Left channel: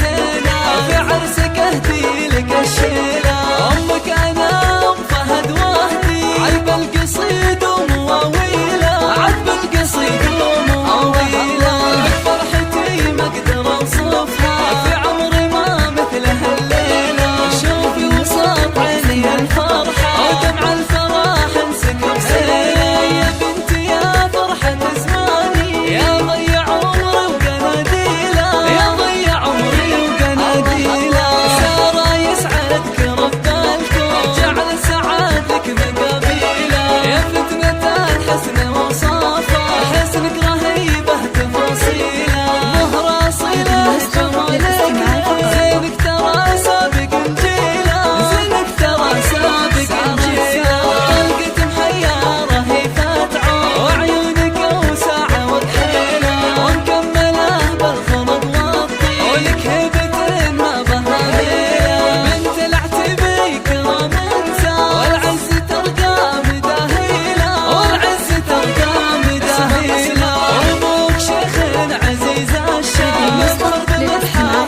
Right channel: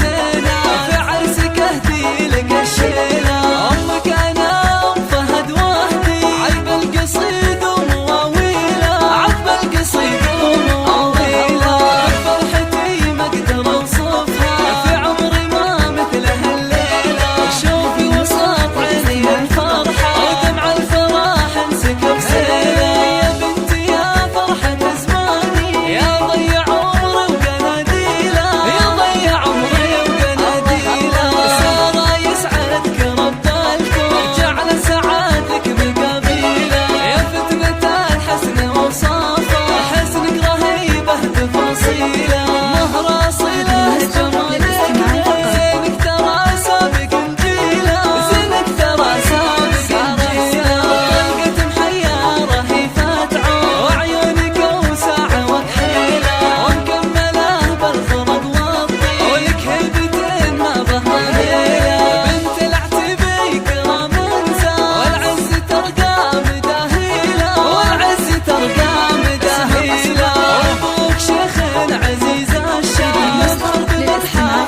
زينة، في عرسك اهدي لك الشيلة. امك انا ام فهد وهدي، عذب القصيد ومواويله، عذب القصيد ومواويله. بك فرحتي ما اقدر اوصفها، في عمري ما مثلها الليلة. شوفي وسط عيني الفرحة، ودمع الفرح انسكب سيلة. يا بنتي يا فرحة زماني، يا ضيع عمري وقناديله، يا ضيع عمري وقناديله. سارة يسعدك رب الكون، جعل السعاد لك مقابيله. يا فتنة الحسن وصافه، حسنك رهيبه تفاصيله. مهر صله جمالك زينك ترى سابق انجيله، زينك ترى سابق انجيله. طلقة محيرة هي فتعون، وعيونك وساعة وكحيله، ومكمله بالخلق والطيب، ولك هيبة ما بها ميله. بنت العتبي كرام انسان، والعز ترقى مداهيله، والعز ترقى مداهيله. وابوك شيخ عزيز الشام، يفخر بمدحه